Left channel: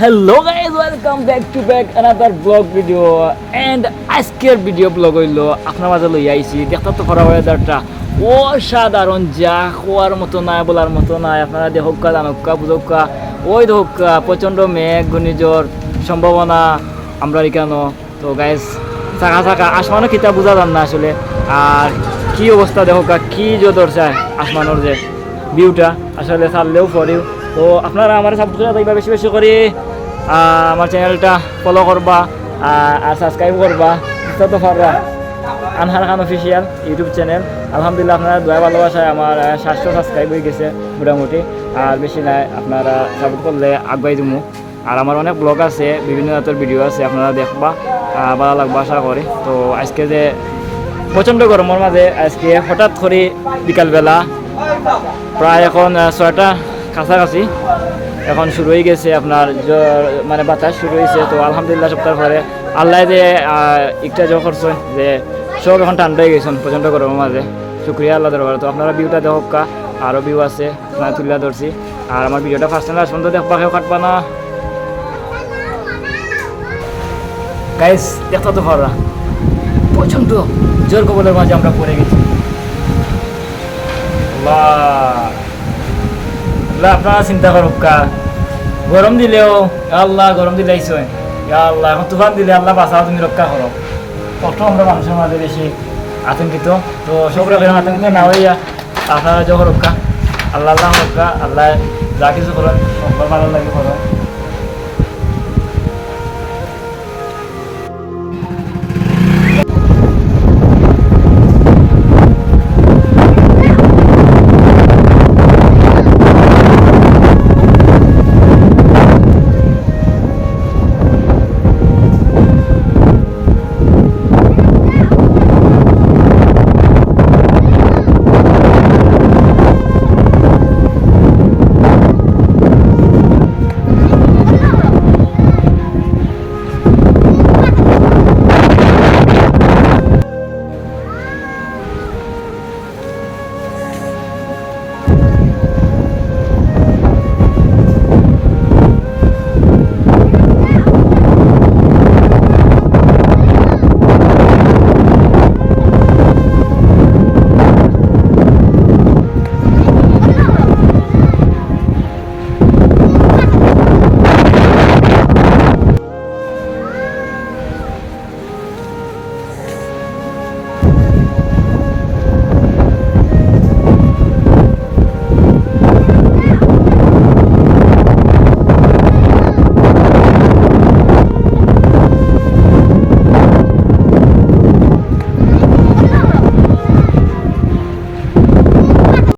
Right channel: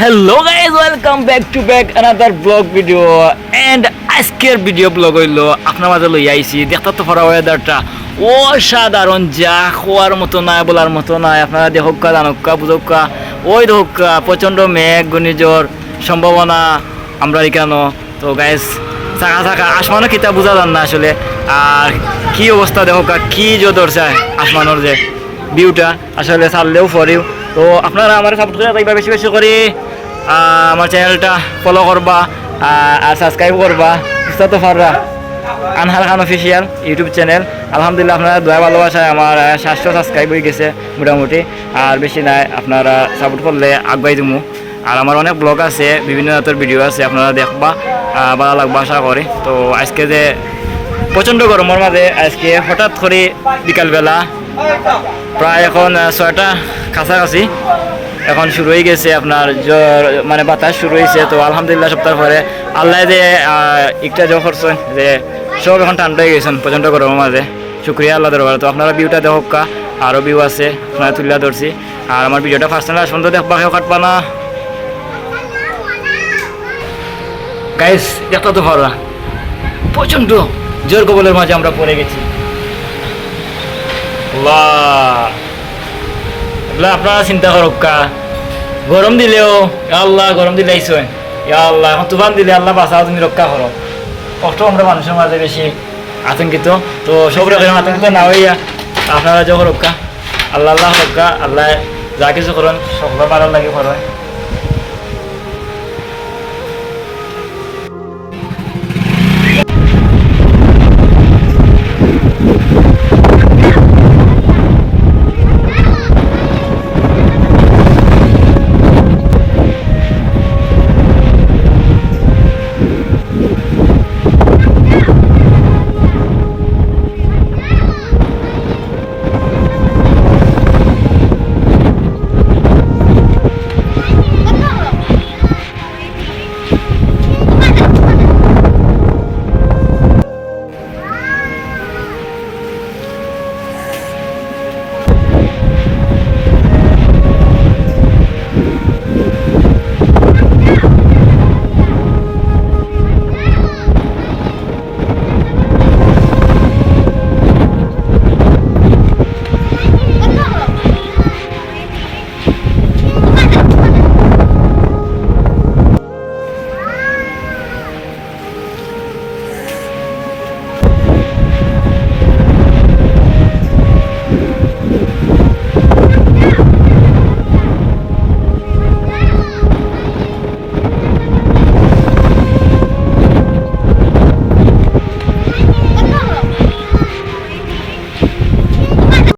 Hello guys welcome back to back another blog video and আজকের video blog হইল আপনার মাঝে লই আইছি। দেখতে তো পড়া ওয়েদারটা অসাধারণ, যা খোয়ার মতো নাই বলার মতো নাই আপনারা দেখুকা জানুকা বুঝুকা ওই দেখুকা প্রচণ্ড মেঘ, ঘূর্ণিঝড়, সম্ভাবনা। আমরা এখানে তো গাইজ চাকা চাকা আসমানও কিতা বোঝা যান না আসলে। আর কি অবস্থা দেখুকা কি যে ধরছে আসমানোর যে ভিউটা আসলে ছাড়লেও পরেও তো আপনারা আমার সাপোর্ট করে থাকবা বেশি বেশি করে আমার চ্যানেলটা ফলো করবা আর সাবস্ক্রাইব করবা, বুঝতে তো পাররা আনহার খান অফিসিয়াল ইউটিউব চ্যানেল আলহামদুলিল্লাহ আপনারা দয়া ভালোবাসায় আমার সাতশো সাবস্ক্রাইব হয়ে গেছে মোটামুটি। আর বেশি নাই, আপনারা সাপোর্ট করলে আগুয়াই দিমু। আর আমার অনেক ব্লগ আছে, বিভিন্ন জাতের ভিডিও আছে, আপনারা দেখবা ভালো লাগবা আশা করি। তো আজকে যে প্রচণ্ড গরমের মাঝে আজকে হঠাৎ করে বিকালবেলা, প্রায় এখন ছয়টা কাছাকাছি। এখন শুরু হয়ে গেছে আপনার মানে বাতাস শুরু হয়েছে। তো আলহামদুলিল্লাহ সপ্তাহ পরে আল্লাহ যে একটা জো করছেন যে, সব এখন ঠান্ডা হয়ে গেছেন, প্রচণ্ড গরমের মাঝে। শুক্রিয়া আল্লাহ দরবার। তো আপনারা ভিউটা দেখকা আরও ভিউ আছে, আপনারা তুলিয়া ধরছি। আর আমার ভিডিওটা ফার্স্ট টাইম সুন্দর দেখবা, কেউ কাটবা না। গাইস দেখতে তো পারা প্রচণ্ড জোর কবলের মাঝে আমরা পড়ে গেছি। আল্লাহ। এগুলা আপনারা চিন্তা করো কা। গরম দিলেও আল্লাহ গরম দিলে আইসো ইয়া আল্লাহ, এখন তুফান দিলে আল্লাহ বাঁচাও, তুমি রক্ষা করো কষ্ট আমরা মানুষের মাঝে বেশি আতঙ্কিত তো সব রকম আতঙ্কিত না হইয়া আপনারা যখন রক্ষা আল্লাহ আল্লাহ রক্ষা আল্লাহ যা কিছু করেন সকলের ভালো লাগে করেন